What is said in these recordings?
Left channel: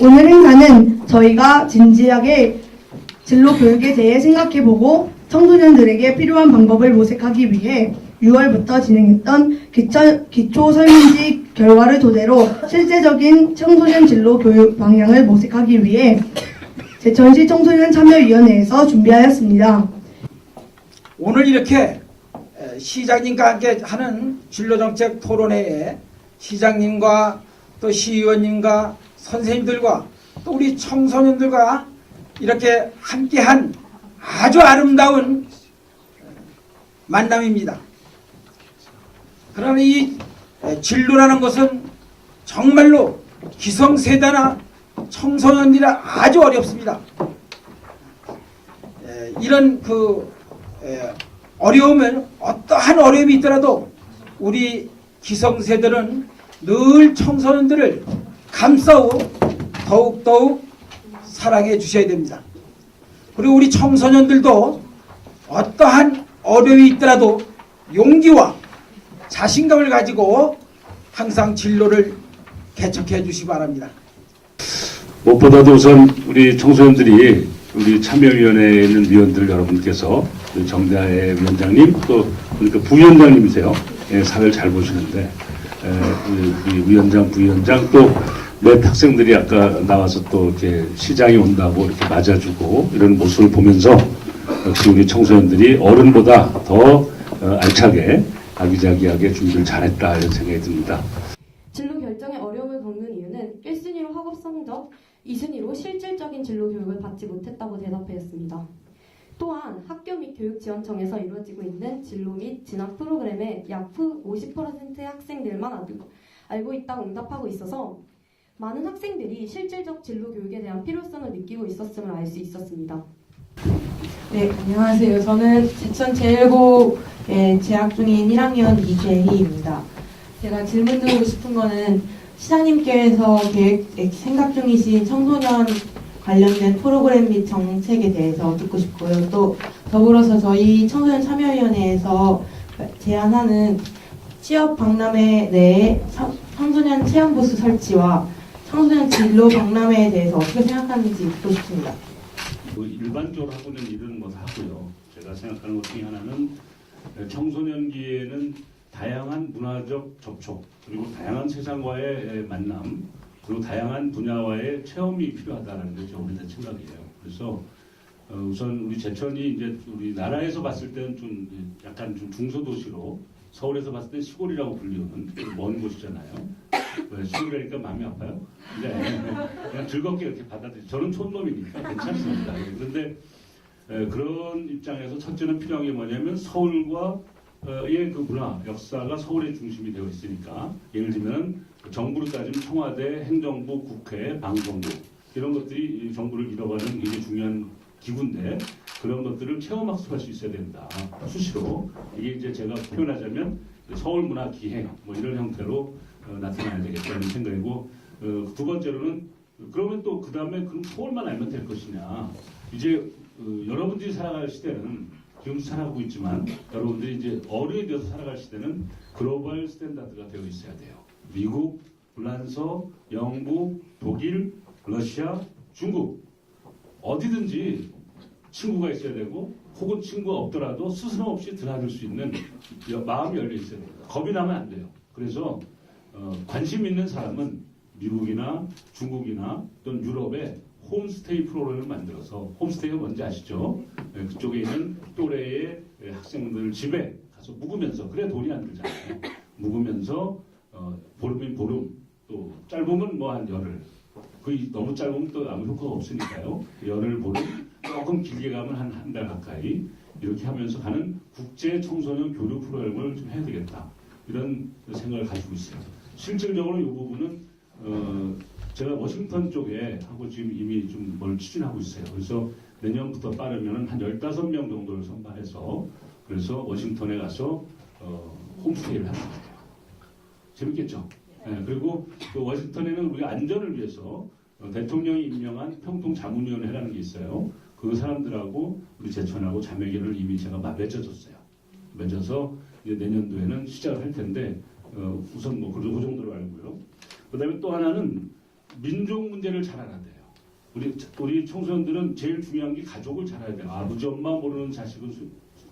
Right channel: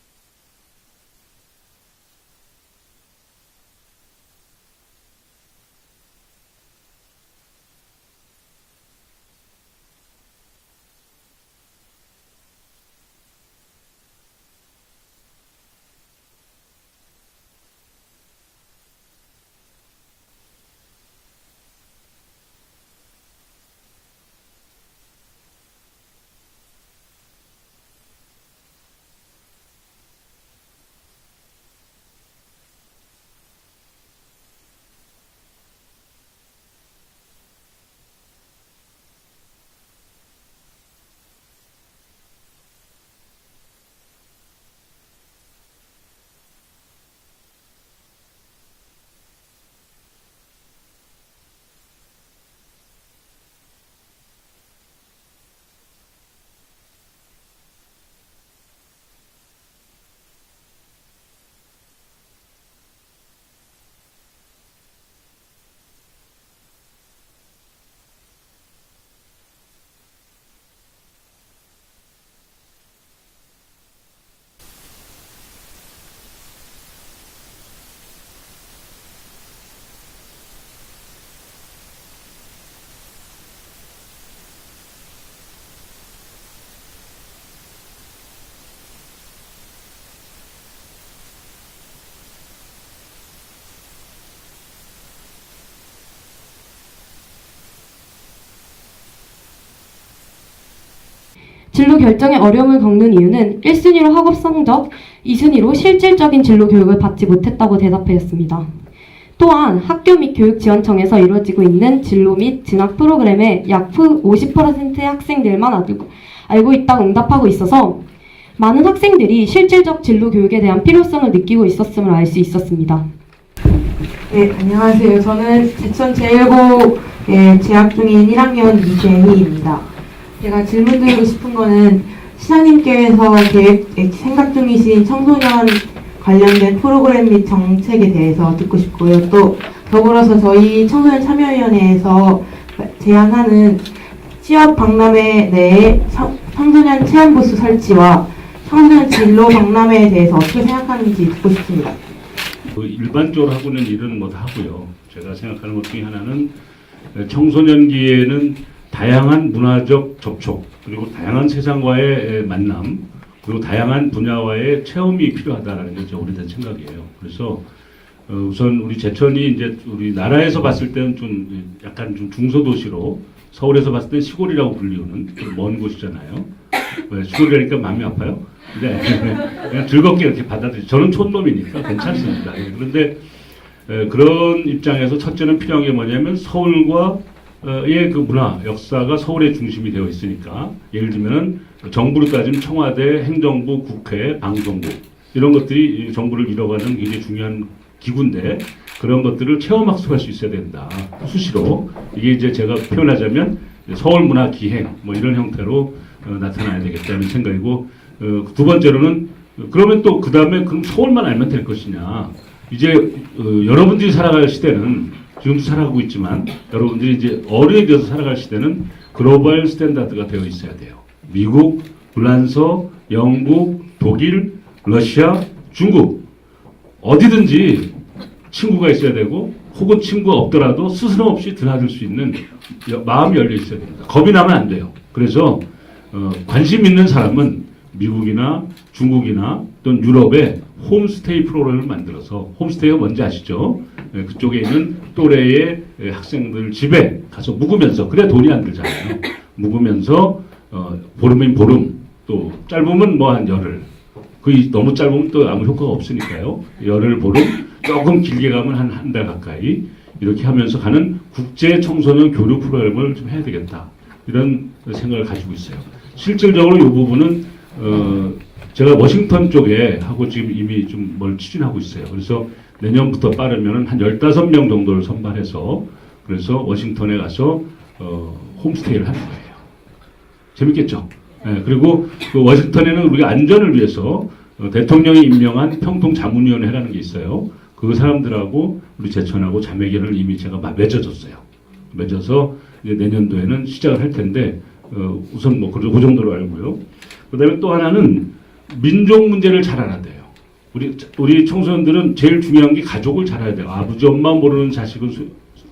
오늘 행사는 저희가 진지하게 진로 교육에 대해 생각해보고 청소년들에게 필요한 방법을 모색하기 위해 6월부터 진행했던 기초 설문지 결과를 토대로 실제적인 청소년 진로 교육 방향을 모색하기 위해 제천시 청소년 참여위원회에서 준비하였습니다. 오늘 이렇게 시장님과 함께 하는 진로정책 토론회에 시장님과 또 시의원님과 선생님들과 또 우리 청소년들과 이렇게 함께한 아주 아름다운 만남입니다. 그러나 이 진로라는 것은 정말로 기성세대나 청소년들이라 아주 어렵습니다. 이런 어려움은 어떠한 어려움이 있더라도 우리 기성세대는 늘 청소년들을 감싸고 더욱더욱 사랑해 주셔야 됩니다. 그리고 우리 청소년들도 어떠한 어려움이 있더라도 용기와 자신감을 가지고 항상 진로를 개척해 주시기 바랍니다. 무엇보다도 우선 우리 청소년들이 우리 참여위원회에 있는 위원들 여러분께서 정대하의 위원장님 또 그러니까 부위원장님이세요. 예, 사회를 잘 보시는데 우리 위원장, 부위원장 또 몇 학생들이 아까 나와서 또 이렇게 시장이 온다고 이렇게 맞아주고 이런 모습을 보면서 역시 우리 청소년들이 어른보다 더 알차게 아기자기하게 준비를 잘했다 이런 생각이 듭니다. 진로 결정에 어려움을 겪는 이유는 1순위로 학업 성적, 2순위로 실질적인 진로 교육을 받지 못했다고 대답하였습니다. 또한 학교 및 교육지원청에서 이루어지고 있는 진로 및 진학 프로그램의 약 50%의 학생들만 알고 있다고 응답하고 있어서 많은 학생들이 실질적 진로 교육에 대한 필요성을 느끼고 있었음을 알 수 있었습니다. 네, 안녕하세요. 저는 제천 제1고에 재학 중인 1학년 이재희입니다. 제가 질문드리고 싶은 거는 시장님께서 생각 중이신 청소년 관련된 프로그램 및 정책에 대해서 듣고 싶고요. 또 더불어서 저희 청소년 참여위원회에서 제안하는 취업 박람회 내에 청소년 체험부스 설치와 청소년 진로 박람회에 대해서 어떻게 생각하는지 듣고 싶습니다. 일반적으로 하고 있는 일은 뭐 다 하고요. 제가 생각하는 것 중에 하나는 청소년기에는 다양한 문화적 접촉 그리고 다양한 세상과의 만남 그리고 다양한 분야와의 체험이 필요하다라는 게 제 오래된 생각이에요. 그래서 우선 우리 제천이 이제 우리나라에서 봤을 때는 좀 약간 좀 중소도시로 서울에서 봤을 때 시골이라고 불리우는 먼 곳이잖아요. 왜 시골이라니까 마음이 아파요? 네, 그냥 즐겁게 이렇게 받아들이죠. 저는 촌놈이니까 괜찮습니다. 예, 그런데 그런 입장에서 첫째는 필요한 게 뭐냐면 서울과의 그 문화, 역사가 서울의 중심이 되어 있으니까 예를 들면은 정부로 따지면 청와대, 행정부, 국회, 방송국 이런 것들이 정부를 이뤄가는 굉장히 중요한 기구인데 그런 것들을 체험학습할 수 있어야 된다. 수시로 이게 이제 제가 표현하자면 서울 문화 기행 뭐 이런 형태로 나타나야 되겠다는 생각이고 두 번째로는 그러면 또 그 다음에 그럼 서울만 알면 될 것이냐 이제 여러분들이 살아갈 시대는 지금도 살아가고 있지만 여러분들이 이제 어른이 되어서 살아갈 시대는 글로벌 스탠다드가 되어 있어야 돼요. 미국, 불란서, 영국, 독일, 러시아, 중국 어디든지 친구가 있어야 되고 혹은 친구가 없더라도 스스럼 없이 드나들 수 있는 마음이 열려 있어야 됩니다. 겁이 나면 안 돼요. 그래서 관심 있는 사람은 미국이나 중국이나 또는 유럽에 홈스테이 프로그램을 만들어서 홈스테이가 뭔지 아시죠? 그쪽에 있는 또래의 학생들 집에 가서 묵으면서 그래 돈이 안 들잖아요. 묵으면서 보름이면 보름 또 짧으면 뭐 한 열흘 너무 짧으면 또 아무 효과가 없으니까요. 열흘 보름 조금 길게 가면 한 달 가까이 이렇게 하면서 가는 국제 청소년 교류 프로그램을 좀 해야 되겠다 이런 생각을 가지고 있어요. 실질적으로 이 부분은 제가 워싱턴 쪽에 하고 지금 이미 좀 뭘 추진하고 있어요. 그래서 내년부터 빠르면 한 15명 정도를 선발해서 그래서 워싱턴에 가서 홈스테이를 하는 거예요. 재밌겠죠? 네, 그리고 그 워싱턴에는 우리가 안전을 위해서 대통령이 임명한 평통자문위원회라는 게 있어요. 그 사람들하고 우리 제천하고 자매결을 이미 제가 맺어줬어요. 맺어서 이제 내년도에는 시작을 할 텐데 우선 뭐 그 정도로 알고요. 그다음에 또 하나는 민족 문제를 잘 알아야 돼요. 우리 청소년들은 제일 중요한 게 가족을 잘 알아야 돼요. 아버지 엄마 모르는 자식은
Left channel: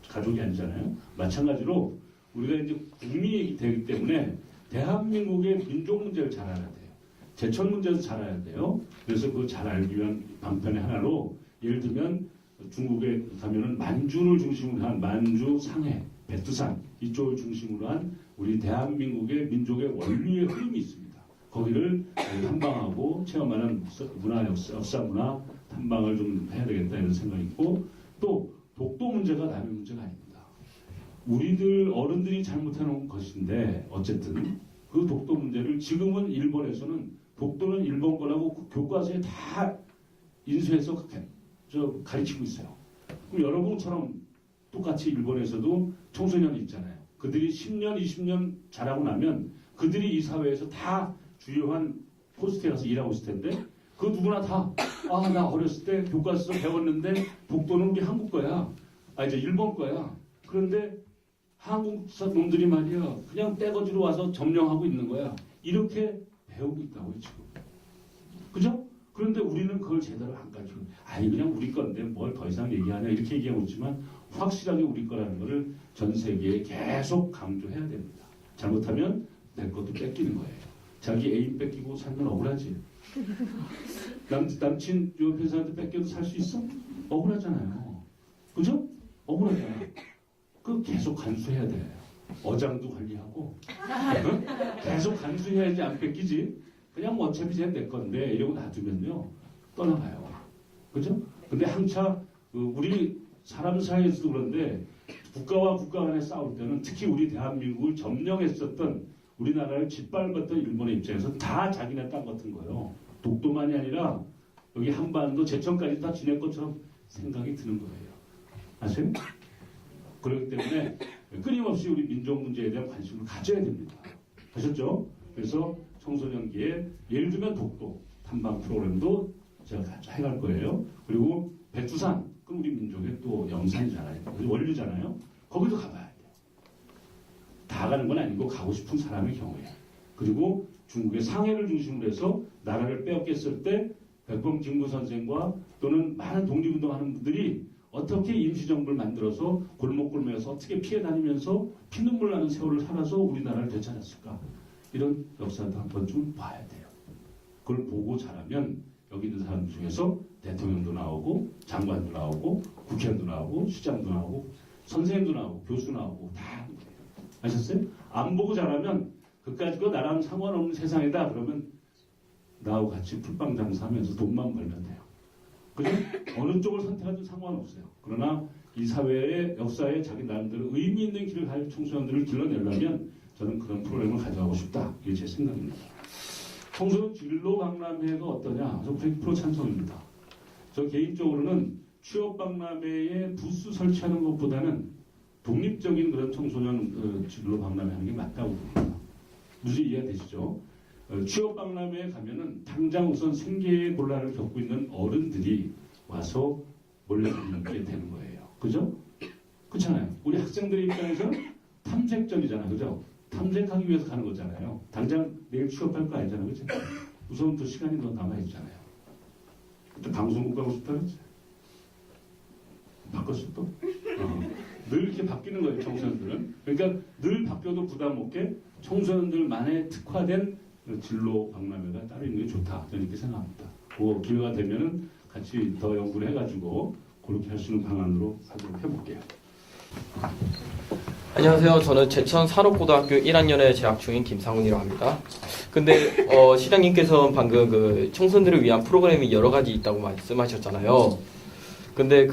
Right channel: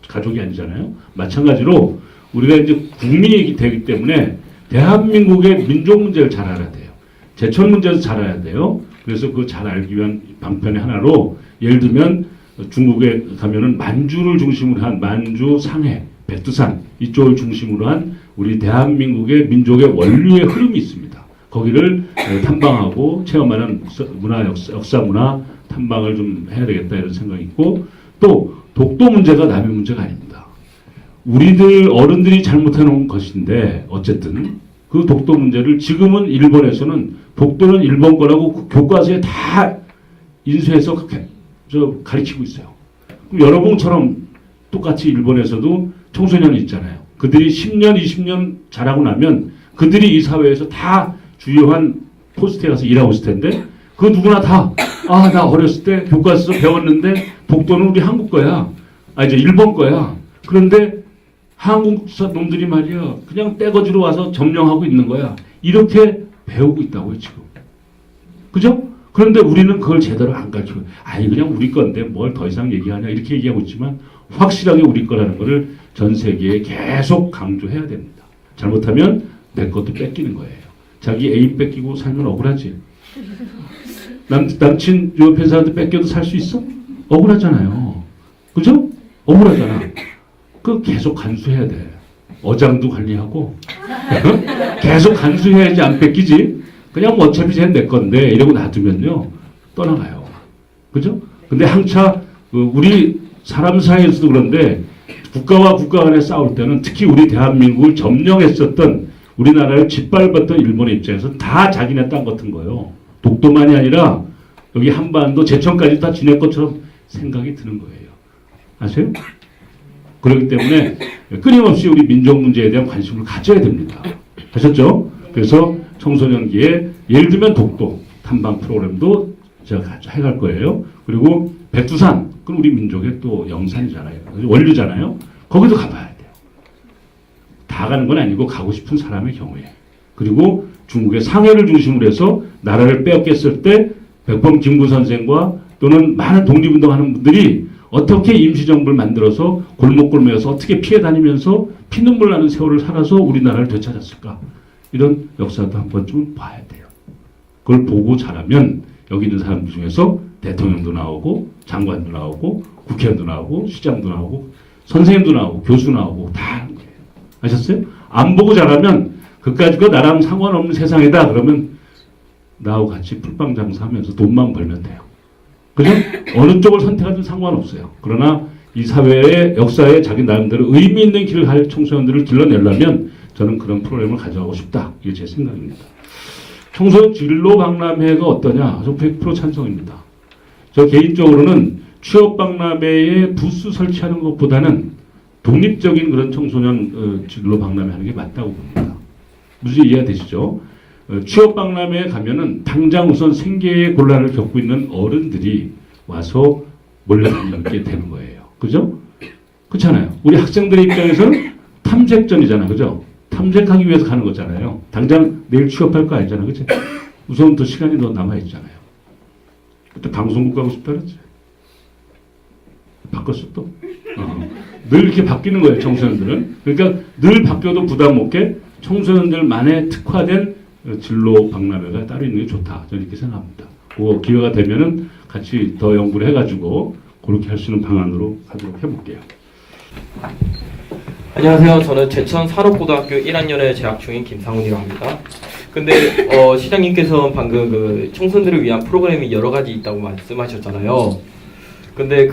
가족이 아니잖아요. 마찬가지로 우리가 이제 국민이 되기 때문에 대한민국의 민족 문제를 잘 알아야 돼요. 제천 문제도 잘 알아야 돼요. 그래서 그 잘 알기 위한 방편의 하나로 예를 들면 중국에 가면은 만주를 중심으로 한 만주, 상해, 백두산 이쪽을 중심으로 한 우리 대한민국의 민족의 원류의 흐름이 있습니다. 거기를 탐방하고 체험하는 역사 문화 탐방을 좀 해야 되겠다 이런 생각이 있고 또 독도 문제가 남의 문제가 아닙니다. 우리들 어른들이 잘못해놓은 것인데 어쨌든 그 독도 문제를 지금은 일본에서는 독도는 일본 거라고 교과서에 다 인수해서 가르치고 있어요. 그럼 여러분처럼 똑같이 일본에서도 청소년이 있잖아요. 그들이 10년, 20년 자라고 나면 그들이 이 사회에서 다 주요한 포스트에 가서 일하고 있을 텐데 그 누구나 다 나 어렸을 때 교과서 배웠는데 독도는 우리 한국 거야. 이제 일본 거야. 그런데 한국 놈들이 말이야 그냥 떼거지로 와서 점령하고 있는 거야. 이렇게 배우고 있다고요 지금. 그죠? 그런데 우리는 그걸 제대로 안 가르치고 그냥 우리 건데 뭘 더 이상 얘기하냐 이렇게 얘기하고 있지만 확실하게 우리 거라는 거를 전 세계에 계속 강조해야 됩니다. 잘못하면 내 것도 뺏기는 거예요. 자기 애인 뺏기고 살면 억울하지. 남친 옆에 사람한테 뺏겨도 살 수 있어? 억울하잖아요. 그죠? 억울하잖아. 그 계속 간수해야 돼. 어장도 관리하고 계속 간수해야지 안 뺏기지. 그냥 뭐 어차피 쟤는 내 건데 이러고 놔두면요 떠나가요. 그죠? 근데 항차 우리 사람 사이에서도 그런데 국가와 국가 간에 싸울 때는 특히 우리 대한민국을 점령했었던 우리나라를 짓밟았던 일본의 입장에서 다 자기네 땅 같은 거예요. 독도만이 아니라 여기 한반도 제천까지 다 지낼 것처럼 생각이 드는 거예요. 아세요? 그렇기 때문에 끊임없이 우리 민족 문제에 대한 관심을 가져야 됩니다. 아셨죠? 그래서 청소년기에 예를 들면 독도 탐방 프로그램도 제가 해갈 거예요. 그리고 백두산, 그건 우리 민족의 또 영산이잖아요. 원류잖아요. 거기도 가봐야 돼요. 다 가는 건 아니고 가고 싶은 사람의 경우에. 그리고 중국의 상해를 중심으로 해서 나라를 빼앗겼을 때 백범 김구 선생과 또는 많은 독립운동하는 분들이 어떻게 임시정부를 만들어서 골목골목에서 어떻게 피해 다니면서 피눈물 나는 세월을 살아서 우리나라를 되찾았을까. 이런 역사도 한 번쯤은 봐야 돼요. 그걸 보고 자라면 여기 있는 사람들 중에서 대통령도 나오고 장관도 나오고 국회의원도 나오고 시장도 나오고 선생님도 나오고 교수 나오고 다 하는 거예요. 아셨어요? 안 보고 자라면 그까짓 거 나랑 상관없는 세상이다 그러면 나하고 같이 풀빵 장사하면서 돈만 벌면 돼요. 그죠? 어느 쪽을 선택하든 상관없어요. 그러나 이 사회의 역사에 자기 나름대로 의미 있는 길을 갈 청소년들을 길러내려면 저는 그런 프로그램을 가져가고 싶다. 이게 제 생각입니다. 청소년 진로 박람회가 어떠냐? 저 100% 찬성입니다. 저 개인적으로는 취업 박람회에 부스 설치하는 것보다는 독립적인 그런 청소년 진로 박람회 하는 게 맞다고 봅니다. 무슨 이해가 되시죠? 취업 박람회에 가면은 당장 우선 생계의 곤란을 겪고 있는 어른들이 와서 몰려다니게 되는 거예요. 그죠? 그렇잖아요. 우리 학생들의 입장에서는 탐색전이잖아. 그죠? 탐색하기 위해서 가는 거잖아요. 당장 내일 취업할 거 아니잖아. 그치? 우선 더 시간이 더 남아있잖아요. 그때 방송국 가고 싶다 그랬지. 바꿨어 또? 늘 이렇게 바뀌는 거예요. 청소년들은. 그러니까 늘 바뀌어도 부담 없게 청소년들만의 특화된 진로 박람회가 따로 있는 게 좋다. 저는 이렇게 생각합니다. 그 기회가 되면은 같이 더 연구를 해가지고 그렇게 할 수 있는 방안으로 하도록 해볼게요. 안녕하세요. 저는 제천 산업고등학교 1학년에 재학 중인 김상훈이라고 합니다. 근데 시장님께서는 방금 그 청소년들을 위한 프로그램이 여러 가지 있다고 말씀하셨잖아요. 근데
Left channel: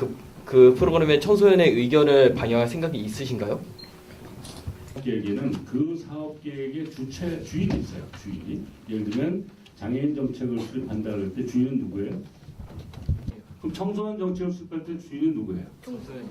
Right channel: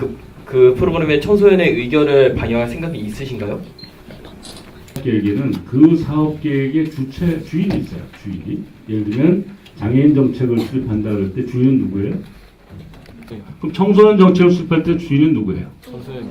그 프로그램에 청소년의 의견을 반영할 생각이 있으신가요? 계획에는 그 사업 계획의 주인이 있어요. 주인이. 예를 들면 장애인 정책을 수립한다 그럴 때 주인은 누구예요? 그럼 청소년 정책을 수립할 때 주인은 누구예요?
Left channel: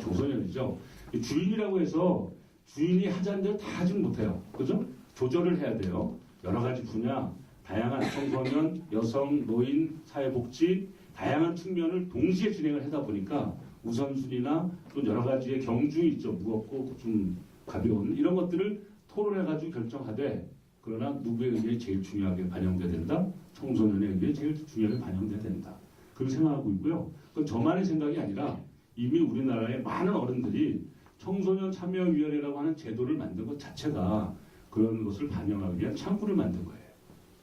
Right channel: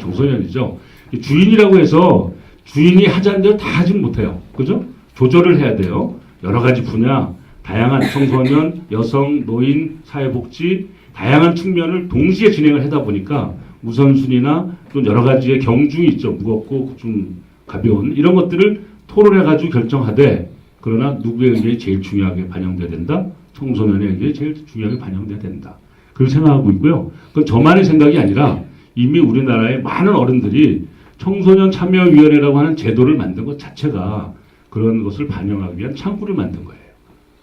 청소년이죠. 주인이라고 해서 주인이 하자는 대로 다 하진 못해요. 그죠? 조절을 해야 돼요. 여러 가지 분야, 다양한 청소년, 여성, 노인, 사회복지, 다양한 측면을 동시에 진행을 하다 보니까 우선순위나 또 여러 가지의 경중이 있죠. 무겁고 좀 가벼운 이런 것들을 토론해가지고 결정하되 그러나 누구의 의견이 제일 중요하게 반영돼야 된다? 청소년의 의견이 제일 중요하게 반영돼야 된다. 그렇게 생각하고 있고요. 그건 저만의 생각이 아니라 이미 우리나라의 많은 어른들이 청소년 참여위원회라고 하는 제도를 만든 것 자체가 그런 것을 반영하기 위한 창구를 만든 거예요.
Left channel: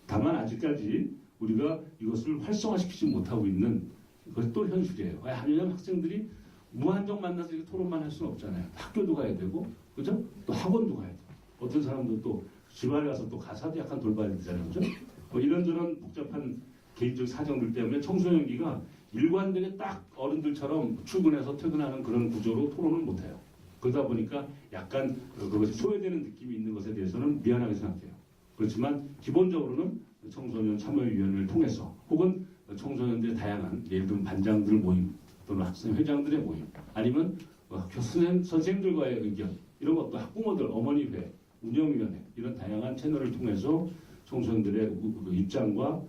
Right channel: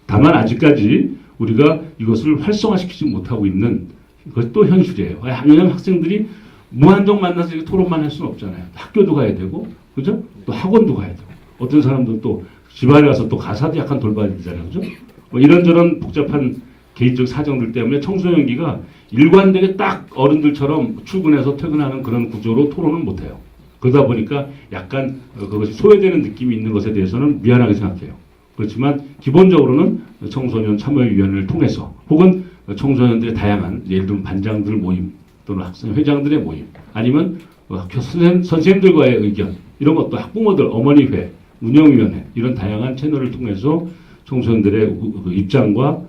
다만 아직까지 우리가 이것을 활성화시키지 못하고 있는 것이 또 현실이에요. 왜냐하면 학생들이 무한정 만나서 이렇게 토론만 할 수는 없잖아요. 학교도 가야 되고, 그죠? 또 학원도 가야 되고. 어떤 사람들은 또 집안에 가서 또 가사도 약간 돌봐야 되잖아요. 그죠? 뭐 이런저런 복잡한 개인적 사정들 때문에 청소년기가 일관되게 딱 어른들처럼 출근해서 퇴근하는 그런 구조로 토론을 못해요. 그러다 보니까 약간 그것이 소외되는 느낌이 있는 것에 대해서는 미안하게 생각해요. 그렇지만 기본적으로는 청소년 참여위원회를 통해서 혹은 청소년들의 다양한 예를 들면 반장들 모임 또는 학생 회장들의 모임 아니면 학교 선생님들과의 의견 이런 것도 학부모들 어머니회 운영위원회 이런 다양한 채널을 통해서 청소년들의 입장과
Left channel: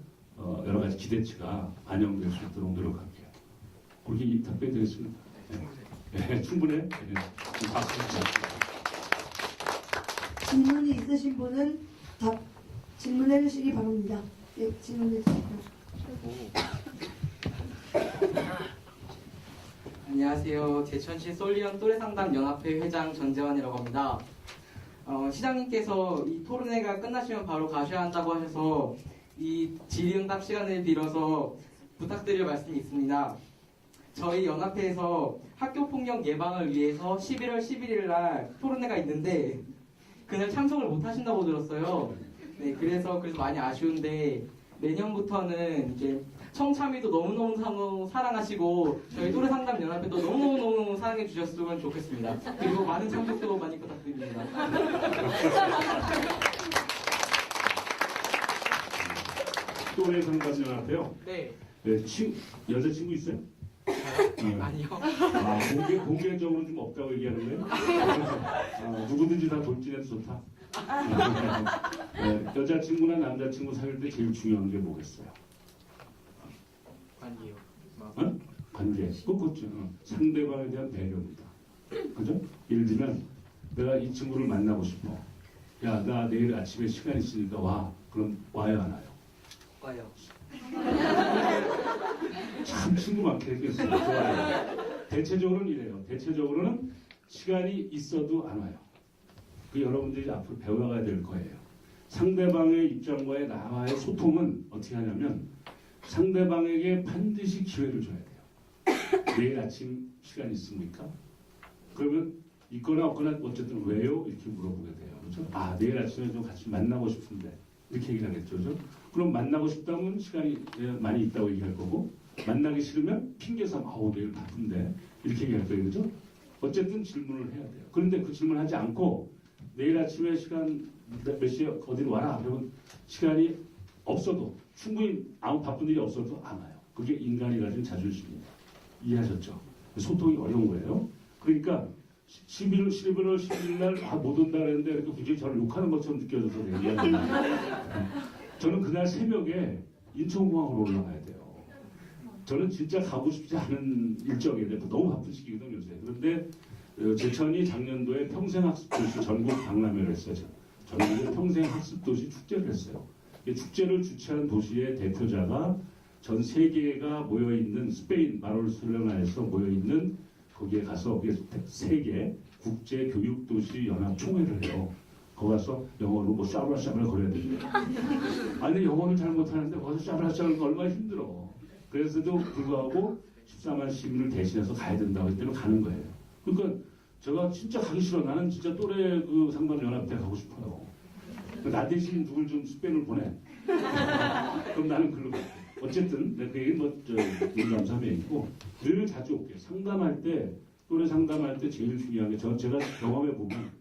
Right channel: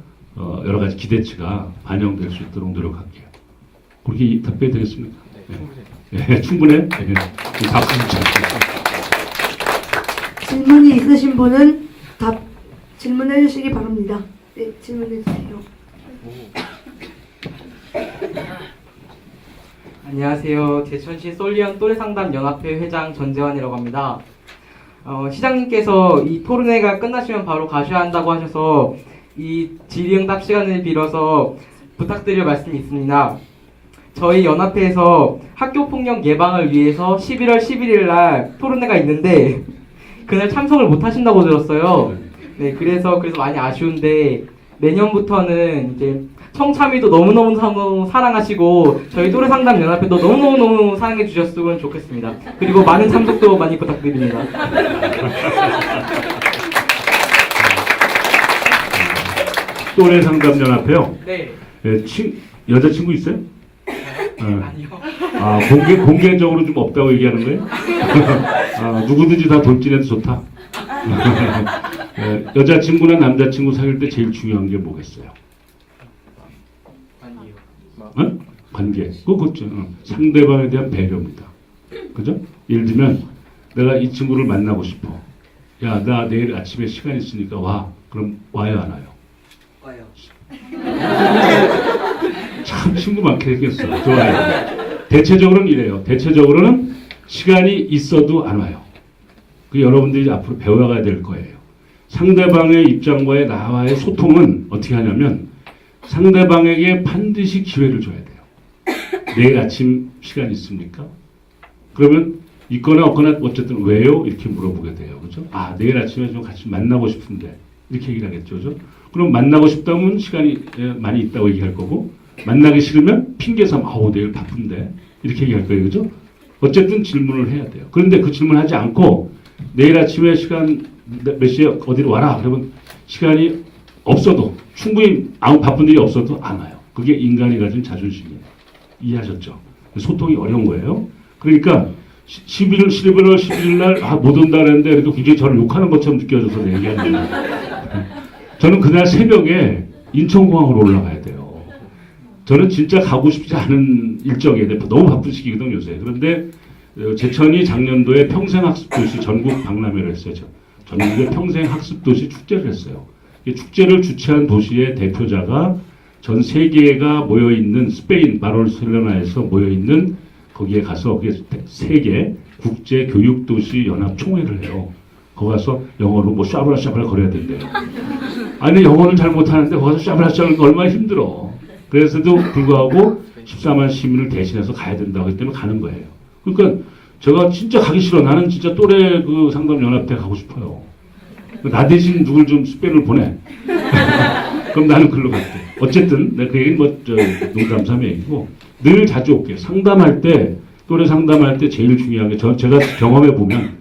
여러 가지 기대치가 반영될 수 있도록 노력할게요. 그렇게 답변이 되겠습니까? 네, 충분해. 네, 박수 주세요. 질문이 있으신 분은 질문해 주시기 바랍니다. 네, 질문해 주세요. 안녕하세요. 제천시 솔리언 또래상담 연합회 회장 전재환이라고 합니다. 시장님께서 이 토론회가 끝나시면 바로 가셔야 한다고 하셔서 이 질의응답 시간을 빌어서 부탁드릴 말씀이 있습니다. 저희 연합회에서 학교폭력 예방을 위해서 11월 11일 날 토론회가 있는데 그날 참석을 못 하신다고 들었어요. 네, 그래서 많이 아쉬운데 내년부터는 이제 청참위도 너무너무 사랑하시고 저희 또래상담 연합회도 너무너무 사랑해 주셨으면 좋겠습니다. 그리고 많은 참석도 많이 부탁드립니다. 또래상담연합회요? 네. 예, 여자친구 있어요? 아니요. 아, 공개적으로 좀 없다고 얘기하는 거예요? 아, 누구든지 다 돌진해도 좋다. 예, 여자친구나 남자친구 사귈 때 제일 중요한 게 뭐겠어요? 어? 관계. 그렇죠. 상대방에 대한 배려입니다. 그죠? 예를 들면 내가 이 친구를 만나고 싶어. 야, 나 내일 아침에 시간 있으니까 와. 그럼 와요, 안 와요? 참 친구 많게 생겼어. 좋아요. 대체적으로는 이래요. 대체적으로는 시간이 있어도 안 와요. 그 여러분들이 앞으로 배워가야 될 거예요. 상대방의 입장과의 나와의 소통은 어떻게 하냐면 상대방에게 반드시 기회를 줘야 돼요. 내일 아침 시간 있습니까? 그러면 있거나 없거나 어쨌든 왜요? 이렇게 물어보게 돼요. 그죠? 아, 내일 아침에 좀 같이 만나고 싶은데 이렇게 얘기를 하겠죠. 그죠? 그럼 만나고 싶다면 시간이 많이 있다고 얘기할 거고 만나기 싫으면 핑계 삼아 아우 내일 바쁜데 이렇게 얘기할 거예요. 그죠? 어쨌든 질문을 해야 돼요. 그런데 그 질문하지 않고 내일 아침에 시간 몇 시에 어디로 와라. 그러면 시간이 없어도 충분히 아무 바쁜 일이 없어도 안 와요. 그게 인간이 가진 자존심이에요. 이해하셨죠? 소통이 어려운 거예요. 그러니까 11월 11일 날 못 온다 그랬는데 그래도 굉장히 저를 욕하는 것처럼 느껴져서 얘기하는 거예요. 저는 그날 새벽에 인천공항으로 올라가야 돼요. 저는 진짜 가고 싶지 않은 일정이에요. 너무 바쁜 시기거든요, 요새. 그런데 제천이 작년도에 평생학습도시 전국 박람회를 했어요. 전국의 평생학습도시 축제를 했어요. 이 축제를 주최한 도시의 대표자가 전 세계가 모여있는 스페인 바르셀로나에서 모여있는 거기에 가서 그게 세계 국제교육도시 연합 총회를 해요. 거기 가서 영어로 뭐 샤브라샤브라 거려야 된대요. 아니 영어를 잘 못하는데 거기서 샤브라샤브라 얼마나 힘들어. 그래서도 불구하고 14만 시민을 대신해서 가야 된다고 했기 때문에 가는 거예요. 그러니까 제가 진짜 가기 싫어. 나는 진짜 또래 그 상담연합회 가고 싶어요. 나 대신 누굴 좀 스페인을 보내. 그럼 나는 글로 갈게. 어쨌든 그 얘기는 농담 삼아 얘기고 늘 자주 올게요. 상담할 때 또래 상담할 때 제일 중요한 게 제가 경험해 보면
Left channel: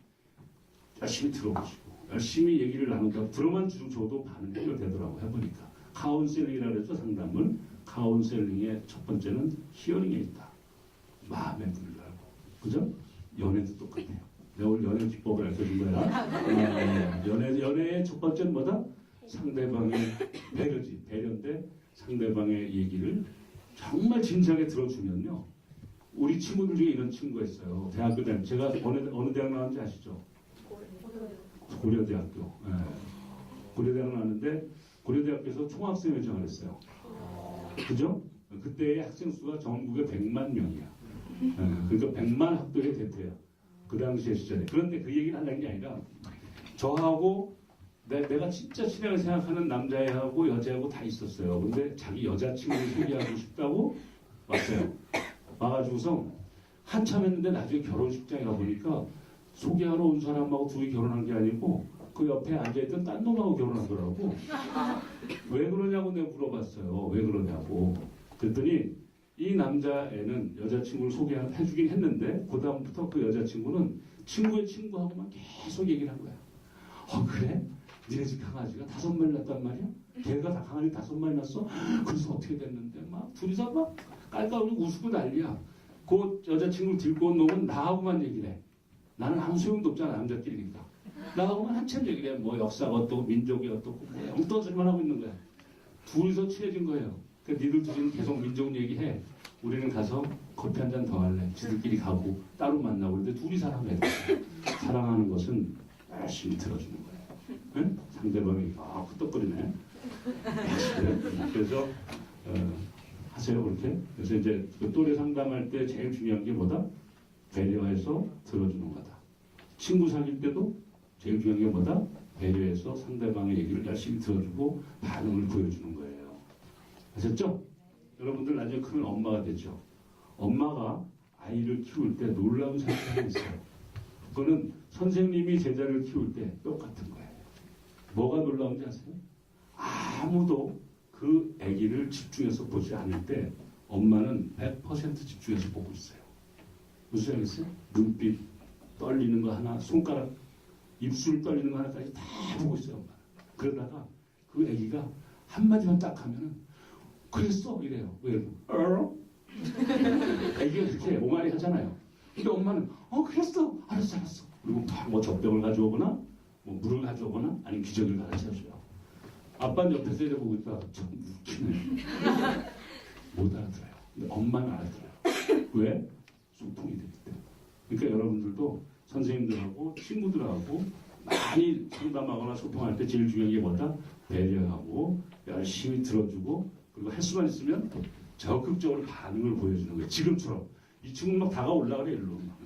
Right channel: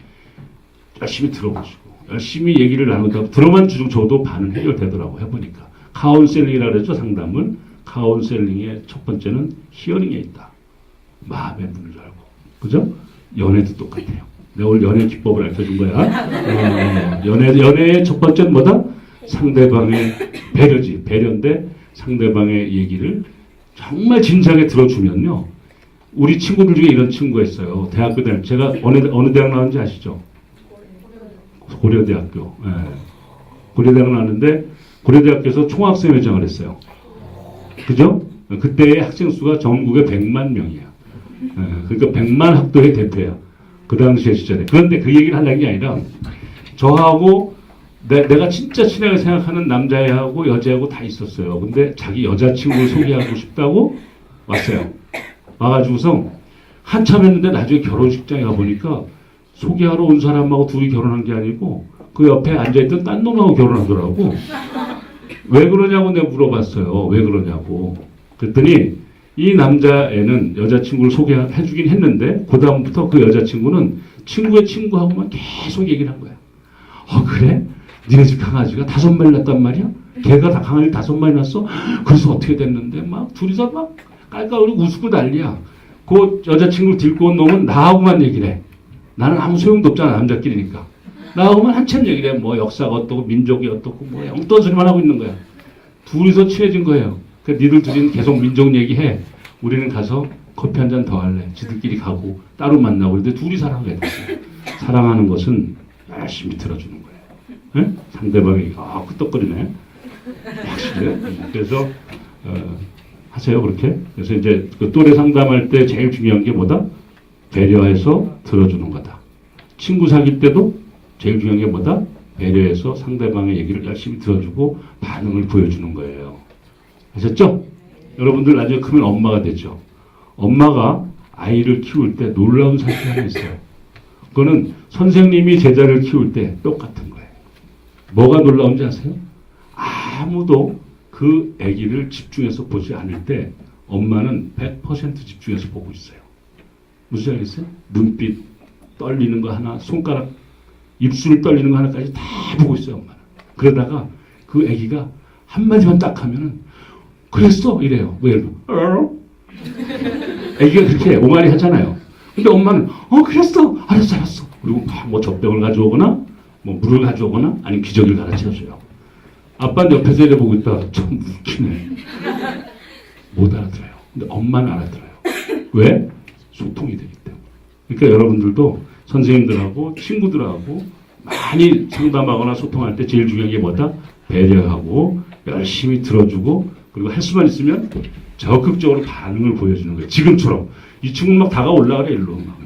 열심히 들어보시고 열심히 얘기를 나누다 들어만 줘도 반은 해결되더라고 해보니까. 카운셀링이라 그러죠. 상담은 카운셀링의 첫 번째는 히어링에 있다. 마음의 문을 열고. 그죠? 연애도 똑같아요. 내가 오늘 연애 기법을 알려준 거야. 연애의 첫 번째는 뭐다? 상대방의 배려지. 배려인데 상대방의 얘기를 정말 진지하게 들어주면요. 우리 친구들 중에 이런 친구가 있어요. 대학교 다닐 제가 어느 대학 나왔는지 아시죠? 고려대학교. 예. 고려대학 나왔는데 고려대학교에서 총학생회장을 했어요. 그죠? 그때의 학생 수가 전국에 100만 명이야. 그러니까 100만 학도의 대표야. 그 당시의 시절에. 그런데 그 얘기를 하려는 게 아니라 저하고 내가 진짜 친하게 생각하는 남자애하고 여자애하고 다 있었어요. 근데 자기 여자친구를 소개하고 싶다고 왔어요. 와가지고서 한참 했는데 나중에 결혼식장에 가보니까 소개하러 온 사람하고 둘이 결혼한 게 아니고 그 옆에 앉아있던 딴 놈하고 결혼하더라고. 왜 그러냐고 내가 물어봤어요. 왜 그러냐고. 그랬더니 이 남자애는 여자친구를 소개해주긴 했는데 그 다음부터 그 여자친구는 친구의 친구하고만 계속 얘기를 한 거야. 그래? 니네 집 강아지가 5마리 낳았단 말이야? 걔가 다 강아지 5마리 낳았어? 그래서 어떻게 됐는데 막 둘이서 막 깔깔거리고 웃고 난리야. 그 여자친구를 데리고 온 놈은 나하고만 얘기를 해. 나는 아무 소용도 없잖아, 남자끼리니까. 나하고만 한참 얘기를 해. 뭐 역사가 어떻고 민족이 어떻고 뭐 엉뚱한 소리만 하고 있는 거야. 둘이서 친해진 거예요. 그러니까 니들 둘이는 계속 민족 얘기해. 우리는 가서 커피 한 잔 더 할래. 지들끼리 가고 따로 만나고. 근데 둘이 사랑하게 됐어요. 사랑하는 것은 열심히 들어주는 거예요. 네? 상대방이 끄떡거리네. 확실해. 그래서 하세요 그렇게. 그래서 이제 그 또래 상담할 때 제일 중요한 게 뭐다? 배려해서 들어주는 거다. 친구 사귈 때도 제일 중요한 게 뭐다? 배려해서 상대방의 얘기를 열심히 들어주고 반응을 보여주는 거예요. 아셨죠? 여러분들 나중에 크면 엄마가 되죠. 엄마가 아이를 키울 때 놀라운 사실이 하나 있어요. 그거는 선생님이 제자를 키울 때 똑같은 거예요. 뭐가 놀라운지 아세요? 아무도 그 아기를 집중해서 보지 않을 때 엄마는 100% 집중해서 보고 있어요. 무슨 알겠어요? 눈빛 떨리는 거 하나, 손가락, 입술 떨리는 거 하나까지 다 보고 있어요, 엄마는. 그러다가 그 아기가 한마디만 딱 하면은 그랬어? 이래요. 왜 이러면 아기가 그렇게 오마리 하잖아요. 근데 엄마는 그랬어? 알았어. 그리고 뭐 젖병을 가져오거나 뭐 물을 가져오거나 아니면 기저귀를 갈아채워줘요. 아빠는 옆에서 이래 보고 있다가 참 웃기네. 못 알아들어요. 근데 엄마는 알아들어요. 왜? 소통이 되기 때문에. 그러니까 여러분들도 선생님들하고 친구들하고 많이 상담하거나 소통할 때 제일 중요한 게 뭐다? 배려하고 열심히 들어주고 그리고 할 수만 있으면 적극적으로 반응을 보여주는 거예요. 지금처럼 이 친구는 막 다가올라 그래 일로 막.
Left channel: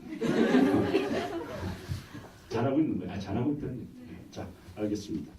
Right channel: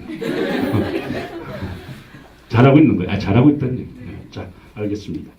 잘하고 있는 거예요. 잘하고 있다는 얘기예요. 자, 알겠습니다.